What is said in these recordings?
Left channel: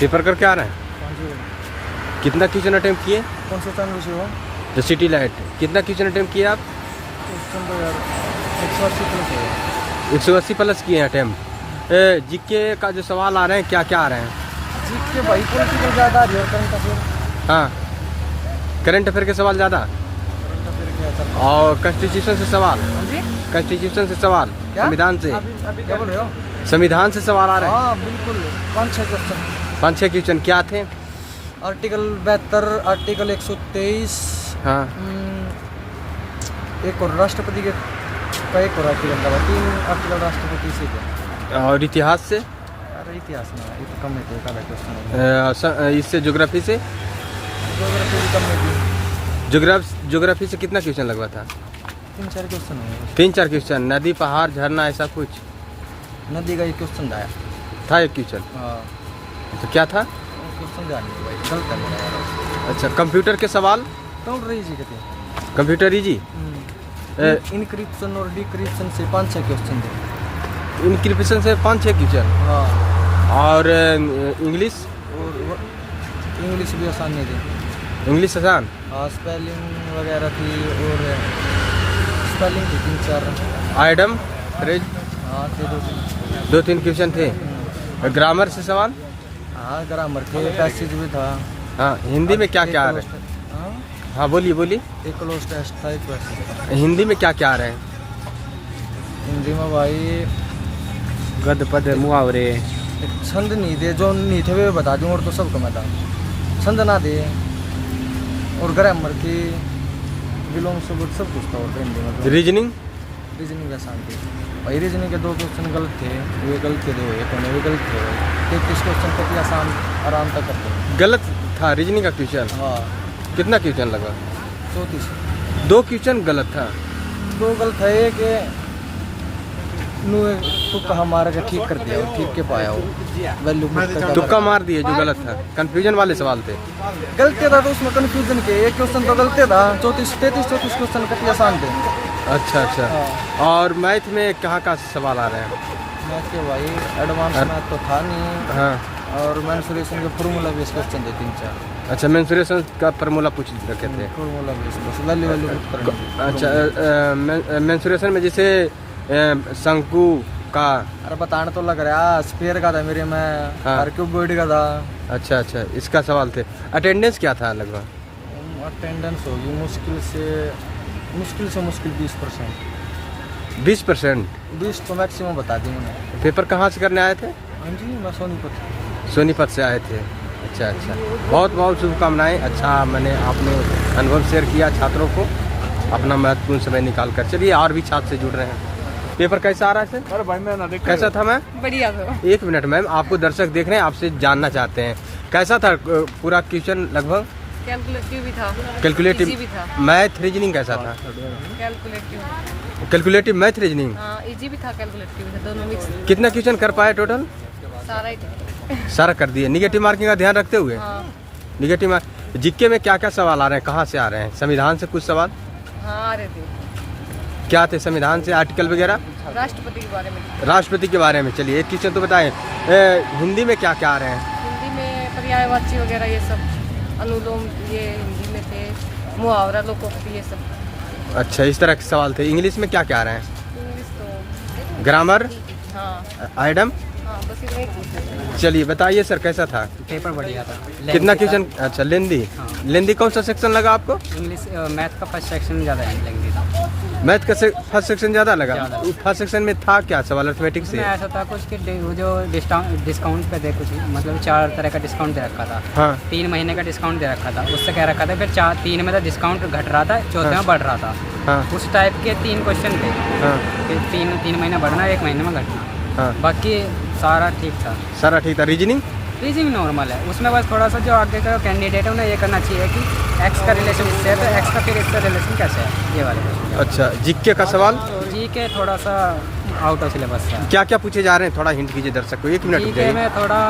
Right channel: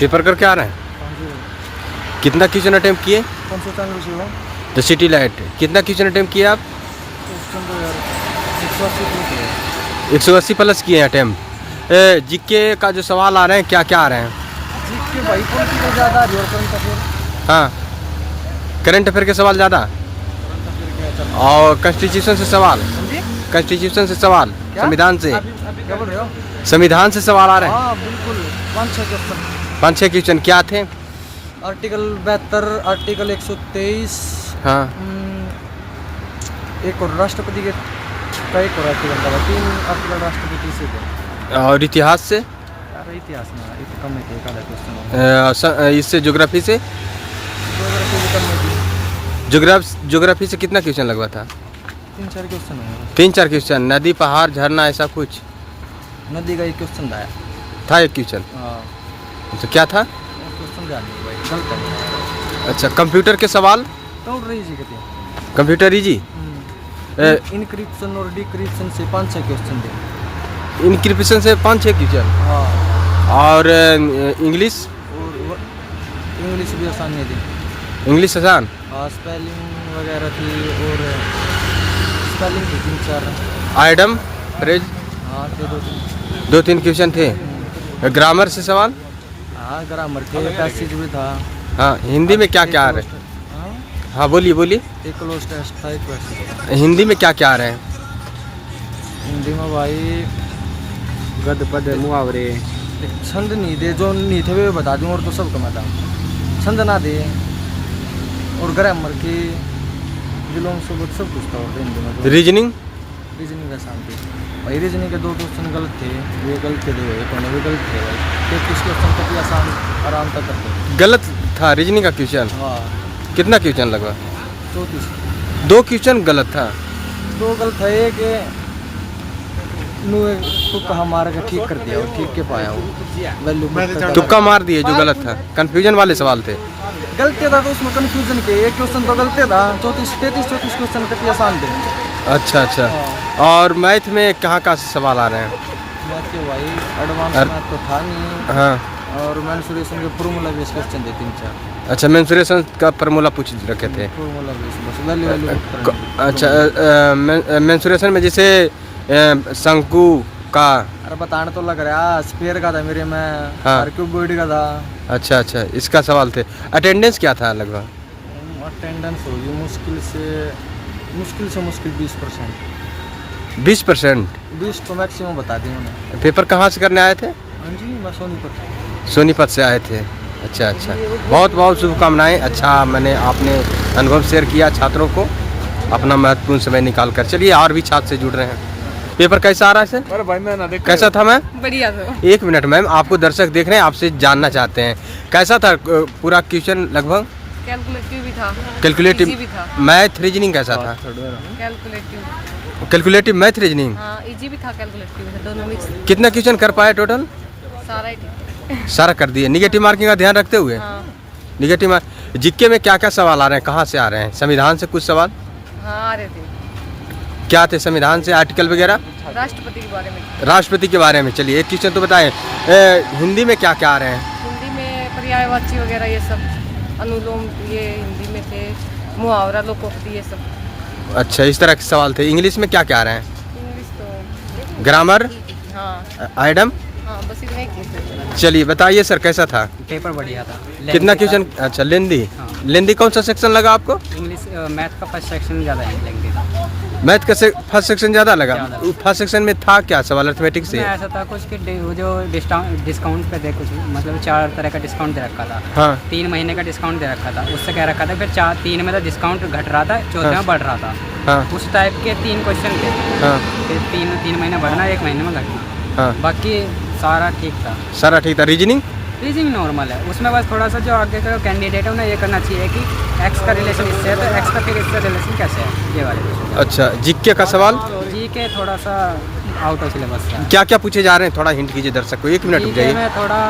Paper करके आ रहे हैं? कितना क्वेश्चन अटेम्प्ट किए? कौन से चैनल से हो? The city light. कितना क्वेश्चन अटेम्प्ट किए आप? क्वेश्चन तो यार 180 प्लस है। 180 प्लस किए अटेम्प्ट। जीके का जो सवाल आ रहे हैं क्या क्या आ रहे हैं? जीके भाई पॉलिटिकल ज़्यादा आ रही है और करंट अफेयर। हाँ, करंट अफेयर के सवाल ज़्यादा करंट अफेयर क्या चल रहा है? और कॉन्स्टिट्यूशन से सवाल। हाँ जी, कॉन्स्टिट्यूशन से सवाल, क्या? संविधान से। क्या बोल रहे हो? संविधान से सवाल आ रहे हैं। हाँ बिल्कुल, 5-6 क्वेश्चन। 5-6 क्वेश्चन क्या थे? आर्टिकल 72, आर्टिकल 123, हाँ, एक और राष्ट्रपति के का एक और आर्टिकल था भाई, 3 आर्टिकल राष्ट्रपति से थे। और इतिहास से? अरे इतिहास ना, ये तो कम में थे, एक आधा क्वेश्चन। इससे ज्योग्राफी से? ज्योग्राफी भी कम में थी। ज्योग्राफी से कितना क्वेश्चन लगवा था? 3-4 क्वेश्चन होंगे। 3-4 क्वेश्चन। नदी, पहाड़, झरना, ऐसा कुछ नदी का एक क्वेश्चन था। एक क्वेश्चन। हाँ, तो क्या था? क्वेश्चन ध्यान नहीं भाई, गलत है मेरा यार। अच्छा, कंप्यूटर के सवाल? कौन रही जी कहते हैं? Computer easy. इनक्रिप्शन और डिक्रिप्शन से 5-6 क्वेश्चन थे। इनक्रिप्शन से 5-6 क्वेश्चन। हाँ, और इंग्लिश? और इंग्लिश भी आसान नहीं थी। इंग्लिश आसान? हाँ, स्पेलिंग वगैरह थी, और स्पेलिंग थी 3-4। Item, phrase? हाँ थे 2-3। 2-3 क्वेश्चन थे। ग्रामर से सवाल? हाँ, ग्रामर थे, पैसेज भी था। हाँ, हिंदी में क्या क्या आ रहा है? हाँ, हाँ बोलिए बोलिए। एक क्लोज टेस्ट था, एक पैसेज था। हिंदी में क्या क्या आ रहे हैं? हिंदी में भाई गद पद मुहावरे। एक छंद नहीं दे, जो नहीं थे वे बता दूँ, और तो सब कमा था। छंद ना दे, और ग्रामर की विलोम सबूत सब कुछ था। और तो हिंदी में जो रीजनिंग? रीजनिंग आसान थी भाई। रीजनिंग के 2 क्वेश्चन गलत थे, वे गलत थे, 2 एक होने वे गलत थे भाई। 33 क्वेश्चन कति आसान आराम तक करते। गलत था रीजनिंग का क्वेश्चन? हाँ, कितना क्वेश्चन लगा? 34। 2 क्वेश्चन गलत था। 2 गलत है, एक तुक्का मार के ठीक कर दिया, और ठीक के पाया वो वैल्यू। तुक्का मार दिए जो गलत था। कंफ्यूजन वाले सवाल थे। गलत था तो उसमें कन्फ्यूजन के एक क्वेश्चन तो गलत था। 34 क्वेश्चन कति आसान थे। अच्छा अच्छा। हाँ। और मैथ में कहाँ कहाँ से सवाल आ रहे हैं? मैथ के भाई एडवांस मैथ तो था नहीं। हाँ, और मेंसुरेशन के फॉर्मूला बेस क्वेश्चन थे 3-4। अच्छा, मेंसुरेशन का फार्मूला पूछ रखे थे। फॉर्मूला बेस बस वैल्यू पुट करनी थी। अच्छा, मेंसुरेशन में जैसे शंकु का? अरे बताने तो लग रहा, स्पेयर का था मेरे में। हाँ। क्यूबॉइड का था। अच्छा अच्छा, इसका सवाल थे। अटेंडेंस क्या था लगभग? अटेंडेंस होगी मुश्किल से 20%। 20%? 20 तो मैक्सिमम बता दी मैंने। पेपर कहाँ से करने आए थे? हाँ जी, मैं सोनीपत। सोनीपत से आए थे। अच्छा अच्छा, बहुत बहुत शुभकामनाएं। अच्छा, मैंने आपने अनुभव शेयर किया छात्रों को, अपना महत्वपूर्ण समय निकाल कर। चलिए, और भी छात्र से जुड़ रहे हैं। पेपर कैसा आ रहा है सर? अरे भाई मैं ना देख। कैसा था मैम? बढ़िया था। 1 मिनट मैम, आपको दर्शक देख रहे हैं, आपसे जानना चाहते हैं कैसा था पूरा क्वेश्चन? लगभग कैलकुलेटिव भी था, कैलकुलेटिव इजी भी था। मैथ रीजनिंग कैसा था? कैलकुलेटिव मैथ रीजनिंग हाँ, इजी भी था, कैलकुलेटिव भी था, दोनों मिक्स। कितना क्वेश्चन कर पाए टोटल? सारा ही ठीक है। सारा कर दिए। निगेटिव मार्किंग का ध्यान रखते हुए? हाँ निगेटिव मार्क। जीके में क्या क्या सवाल आ रहे हैं, कहाँ से आ रहे हैं? संविधान से कुछ सवाल हाँ आ रहे थे। क्या थे संविधान से? आर्टिकल वगैरह? राष्ट्रपति के बारे में। राष्ट्रपति के बारे में। चलिए, एक क्वेश्चन तो बताएं। हिंदी में क्या क्या आ रहे हैं? हिंदी में पर्यायवाची वगैरह ये सब, अनुलोम ये हिंदी में थे, मुहावरा, लोकोक्ति ये सब। अच्छा, इस तरह के सवाल थे। इंग्लिश में क्या क्या आ रहे हैं? इंग्लिश तो ग्रामर, हाँ आइटम? हाँ, बस इतना ही चीज़। चलिए बताइए सर, कैसा था? पेपर बढ़िया था। कितना क्वेश्चन? अच्छा, लेंदी। हाँ। लेंदी कौन सा सेक्शन लगा आपको? इंग्लिश मैथ का फर्स्ट सेक्शन ज़्यादा लेंदी था। मैथ का फर्स्ट सेक्शन ज़्यादा लगा? ज़्यादा। फर्स्ट सेक्शन में था क्या सवाल अर्थमेटिक से? उसमें ऐसा था कुछ कि वो जो डिस्काउंट पे थे कुछ, मतलब 4 तरह का डिस्काउंट दे रखा था। हाँ 3 महीने का डिस्काउंट दे रखा था, उससे कह रखा था। फिर 3 में तो डिस्काउंट घट रहा था, 4 में बढ़ रहा था। हाँ उस टाइप के 3 क्वेश्चन थे। हाँ फिर 3 महीने बढ़ना, 1 महीने में घटना। हाँ, बाकी सारा ठीक था। सारा ठीक था। रीजनिंग? रीजनिंग नॉर्मल है, उसमें बस थोड़ा सा जो आगे का कैंडिडेट है उन्हें ये करना चाहिए कि एक्स का रिलेशन इससे है तो एक्स का फिर इससे रिलेशन कैसे है, ये वाले क्वेश्चन। अच्छा, जीके का सवाल? जी के थोड़ा सा आउट ऑफ सिलेबस है। क्या क्या पूछे जा रहे हैं, थोड़ा हिंट कीजिए दर्शक को। 1 मिनट रुक जी के जाइए। में थोड़ा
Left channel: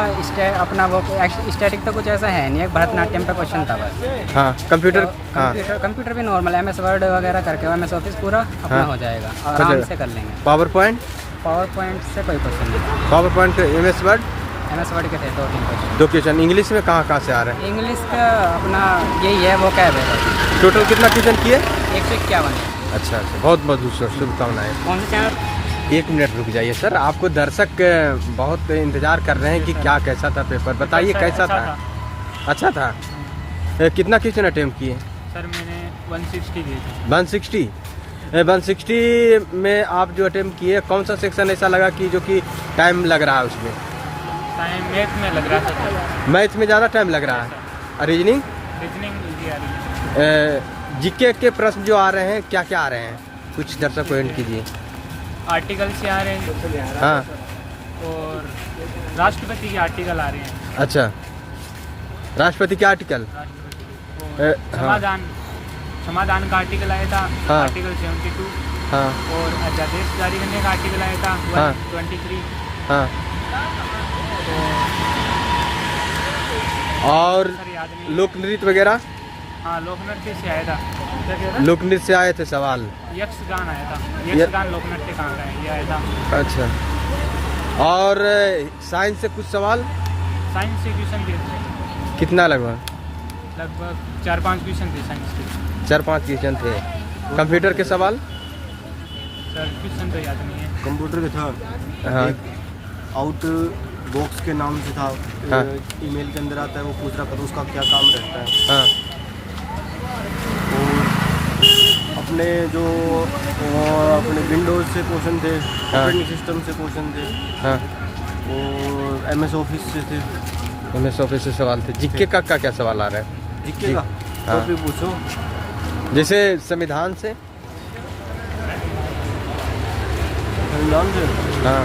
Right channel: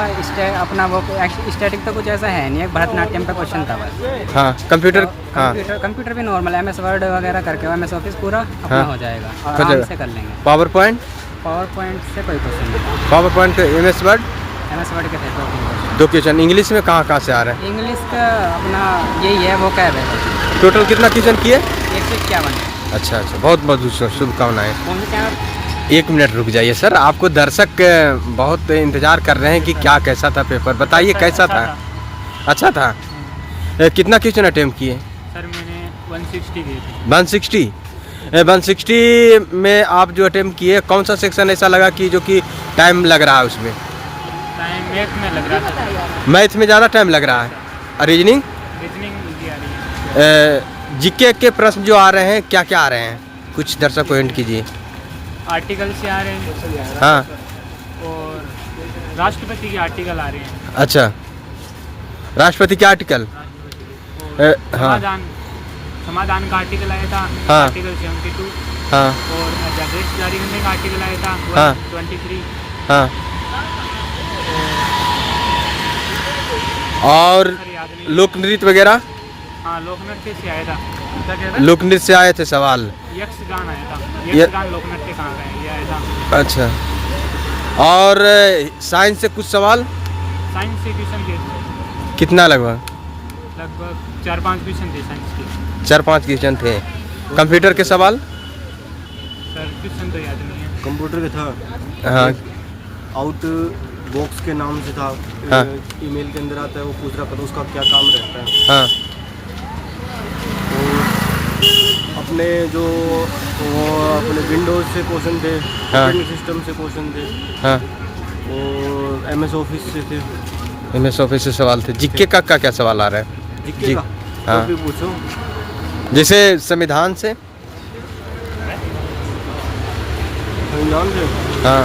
अपना वो स्टैटिक तो कुछ ऐसा है नहीं, एक भरतनाट्यम पे क्वेश्चन था बस। हाँ, कंप्यूटर? हाँ, कंप्यूटर भी नॉर्मल है, MS वर्ड वगैरह करके MS ऑफिस पूरा अपना हाँ। हो जाएगा, आराम से कर लेंगे। Power point? पावर पॉइंट से कोई क्वेश्चन नहीं था। Power point MS word? MS word के थे 2-3 क्वेश्चन। 2 क्वेश्चन। इंग्लिश में कहाँ से आ रहे हैं? इंग्लिश का अपना यही है, वो कैब है बस। टोटल कितना क्वेश्चन किए? 151 है। अच्छा, बहुत बहुत शुभकामनाएं। एक मिनट रुक जाइए सर, आपको दर्शक बहुत इंतजार कर रहे हैं कि क्या कैसा था पेपर, बताइए कैसा था? अच्छा था। कितना क्वेश्चन अटेम्प्ट किए? सर मैंने 160 किए थे। 160? 160 में आप जो अटेम्प्ट किए, कौन सा सेक्शन ऐसा लगा कि जो कि टाइम लग रहा है उसमें? टाइम मैथ में लग रहा था। मैथ में ज़्यादा टाइम लग रहा है। और रीजनिंग? रीजनिंग इजी आ रही है। जीके के प्रश्न जो आ रहे हैं क्या क्या आ रहे हैं, कुछ दर्शक को हिंट कीजिए। आर्टिकल से आ रहे हैं। हाँ। और राष्ट्रपति के आर्टिकल आ रहे हैं। अच्छा, राष्ट्रपति के आर्टिकल। राष्ट्रपति के। और हाँ। समाधान का आर्टिकल आया था। हाँ। आर्टिकल 72। हाँ। और अध्यादेश जारी करने का आर्टिकल आया था। हाँ। 123। हाँ। और सर याद नहीं। लोक नृत्य वगैरह? हाँ, लोकनृत्य से आया था। लोक नृत्य से आए थे सवाल। यक्षगान आया था। यक्षगान लोकनृत्य कहाँ का है, ये आया था। अच्छा, और साइंस से कुछ सवाल? साइंस से क्वेश्चन दिए थे। कितना लगभग? लगभग 4-5 क्वेश्चन थे साइंस के। 4-5 क्वेश्चन थे। कंप्यूटर के सवाल? सर क्वेश्चन तो याद नहीं है। कंप्यूटर का था। हाँ। आउट बॉक्स के नाम से था। हाँ। ईमेल के अंदर आता है, वो पूछ रहा था उसका क्या काम रहता है। हाँ। और अपने जो अपने विंडोज से क्वेश्चन थे, हाँ। ऑपरेटिंग सिस्टम से क्वेश्चन थे। हाँ। और MS ऑफिस से थे। MS ऑफिस से सवाल थे। जीके का क्या सवाल आ रहा है? जीके का हाँ। टॉपिक पूछो। जैसे संविधान से? संविधान से? हाँ।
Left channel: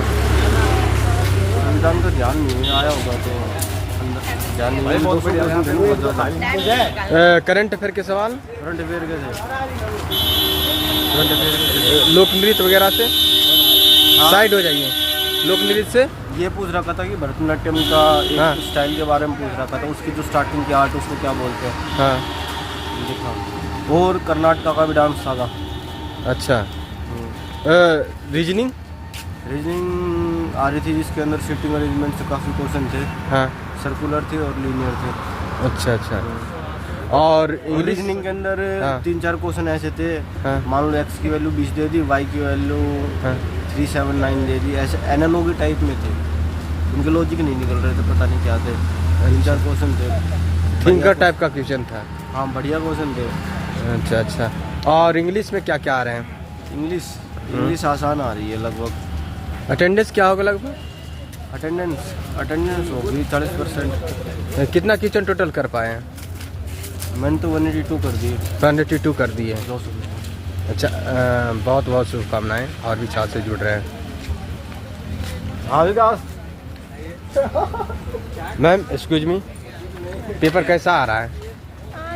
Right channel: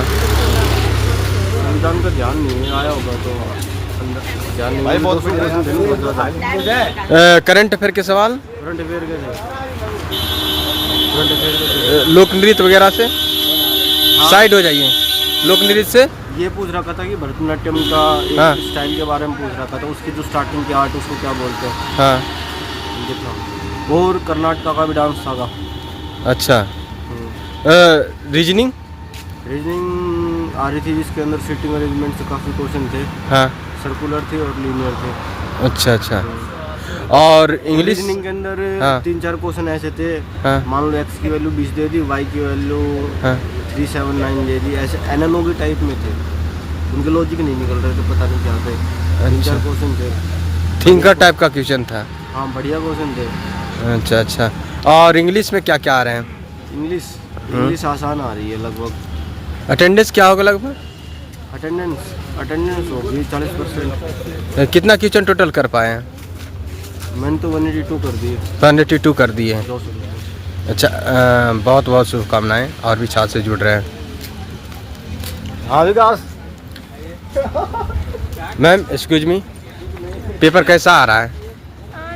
संविधान का ध्यान नहीं है, आया होगा तो अंदर ध्यान नहीं है। 200 क्वेश्चन थे ना, बहुत ज़्यादा। करंट अफेयर के सवाल? करंट अफेयर के थे। करंट अफेयर के थे। लोक नृत्य वगैरह से? हाँ। साइड हो जाइए। लोक नृत्य से ये पूछ रखा था कि भरतनाट्यम का एक हाँ। स्टाइल के बारे में पूछ रखा था, उसकी जो स्टार्टिंग की आर्ट उसको क्या बोलते हैं। हाँ। ये था। और कर्नाटका का भी डांस था। अच्छा। रीजनिंग? रीजनिंग आ रही थी, जिसके अंदर सीटिंग अरेंजमेंट से काफ़ी क्वेश्चन थे। हाँ। सर्कुलर थे और लीनियर थे। अच्छा अच्छा। और इंग्लिश? रीजनिंग के अंदर हाँ। 3-4 क्वेश्चन ऐसे थे। हाँ। मान लो x की वैल्यू 20 दे दी, y की वैल्यू हाँ। 379 दे दी, ऐसे NNO के टाइप में थे। उनके लॉजिक नहीं निकल रहे थे, पता नहीं क्या थे। 3-4 क्वेश्चन थे। थिंकर टाइप का क्वेश्चन था। हाँ, बढ़िया क्वेश्चन थे। अच्छा अच्छा। और इंग्लिश में क्या क्या आ रहे हैं? इंग्लिश आसान आ रही है लगभग। अटेंडेंस क्या होगा लगभग? अटेंडेंस होगी 40%। कितना क्वेश्चन टोटल कर पाए हैं? मैंने तो 182 कर दिए। 182 कर दिए हैं। 200 रुपये। अच्छा, बहुत बहुत शुभकामनाएं। और भी छात्र से जुड़ रहे हैं। मैम एक्सक्यूज मी, पेपर कैसा आ रहा है?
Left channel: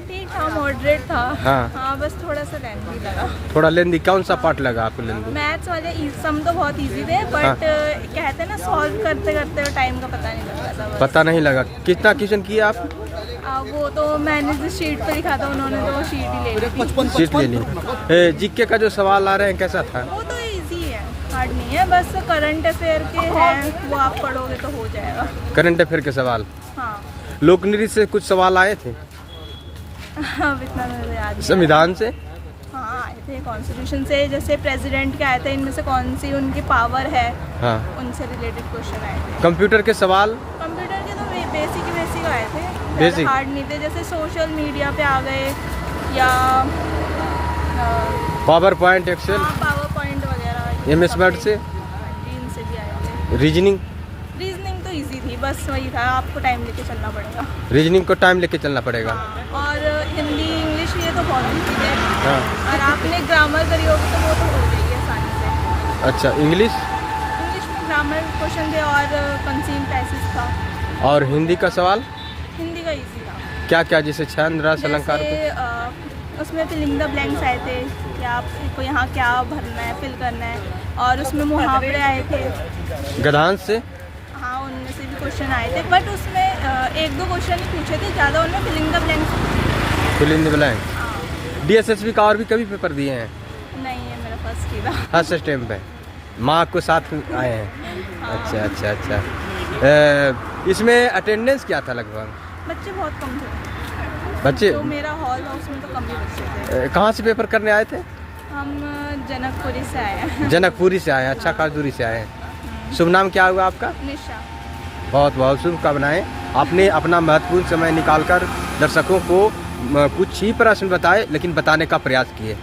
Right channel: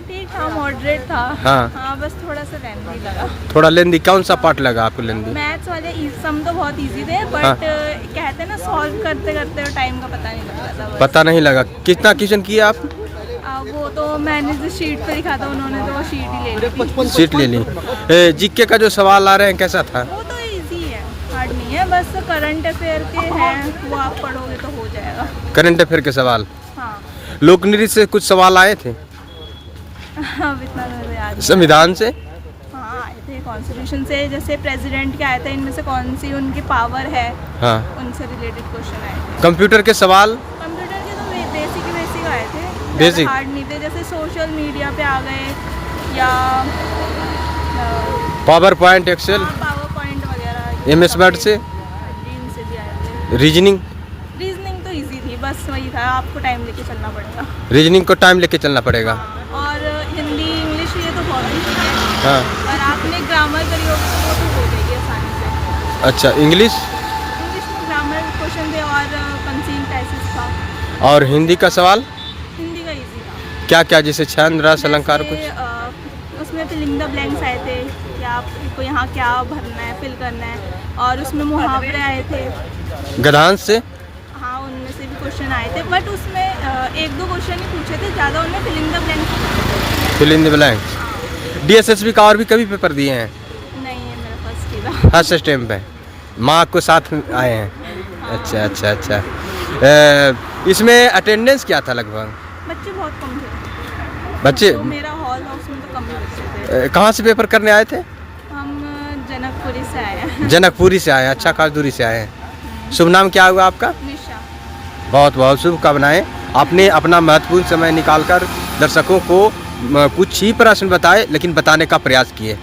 ठीक था, मॉडरेट था। हाँ। बस थोड़ा सा लेंथी लगा। थोड़ा लेंदी? कौन सा पार्ट लगा आपको लेंदी? मैथ्स वाले सम तो बहुत इजी थे, बट हाँ। कहते हैं ना, सॉल्व करते करते टाइम का पता नहीं लग रहा था। बस। पता नहीं लगा। कितना क्वेश्चन किया आप? वो तो मैंने जिस शीट पे लिखा था, उन्होंने तो वो शीट ही ले ली थी। सीट ले ली। जीके का जो सवाल आ रहे हैं कैसा था? वो तो इजी है, हार्ड नहीं है। बस करंट अफेयर के हैं, वो आप पढ़ोगे तो हो जाएगा। करंट अफेयर के सवाल? हाँ। लोक नृत्य से कुछ सवाल आए थे? अब इतना तो याद नहीं। संविधान से? हाँ, आए थे। कॉन्स्टिट्यूशन से, जैसे प्रेसिडेंट के आए थे, इनमें से कौन सी उनकी पावर है, हाँ। उनसे रिलेटेड क्वेश्चन आए थे। कंप्यूटर के सवाल? कंप्यूटर के तो बेसिक आए थे, Basic? ज़्यादा हार्ड नहीं थे। जैसे सोशल मीडिया पे आ गए, या power point, excel, power point वगैरह। MS वर्ड से? हाँ जी, इनसे भी आए थे। रीजनिंग? रीजनिंग तो इजी थी, बस वही था, आपको टाइम लेके चलना पड़ेगा। रीजनिंग को टाइम लेके चलना पड़ेगा। हाँ, और हिंदी इंग्लिश ये तो बहुत इजी है। हाँ। और आपने ग्रामर करी होगी तो वो तो हो जाएगी आसानी से। अच्छा, इंग्लिश? इंग्लिश में ग्रामर क्वेश्चन थे और कंसीव पैसेज था। और हिंदी का सवाल? हिंदी का इजी था। क्या क्या, जैसे छंद, रस, अलंकार कुछ? जैसे, उसमें फिलिंग द ब्लैंक्स आए थे कि आपको यहाँ क्या भरना है, फिल करना है। और उसमें मुहावरे आए थे। गद्यांश से? हाँ, उनमें से भी क्वेश्चन आए थे, बट उसमें 1-2 क्वेश्चन ही पूछे थे, ज़्यादा उनमें filling the blanks. Fill in the blank. हाँ। DSSB का और भी कभी पेपर दिए हैं? नहीं, ये मेरा फर्स्ट ही था। फर्स्ट स्टेम पे? माँ को साथ में आए हैं? हाँ। अच्छा अच्छा अच्छा। इसमें अटेंडेंस क्या था लगभग? बच्चे बहुत कम थे। बच्चे जो मेरा हॉल था उसमें तो कम ही बच्चे थे। कहाँ से पेपर करने आए थे? हम जनकपुरी से आए हैं। जनकपुरी से आए हैं, अच्छा खास दूरी से आए हैं। शुभ नाम क्या हुआ आपका? निशा। बहुत बहुत शुभकामनाएं। आपने अपना महत्वपूर्ण समय निकालकर दर्शकों को कुछ ही प्रश्न बताए लेकिन बताने का प्रयास किए।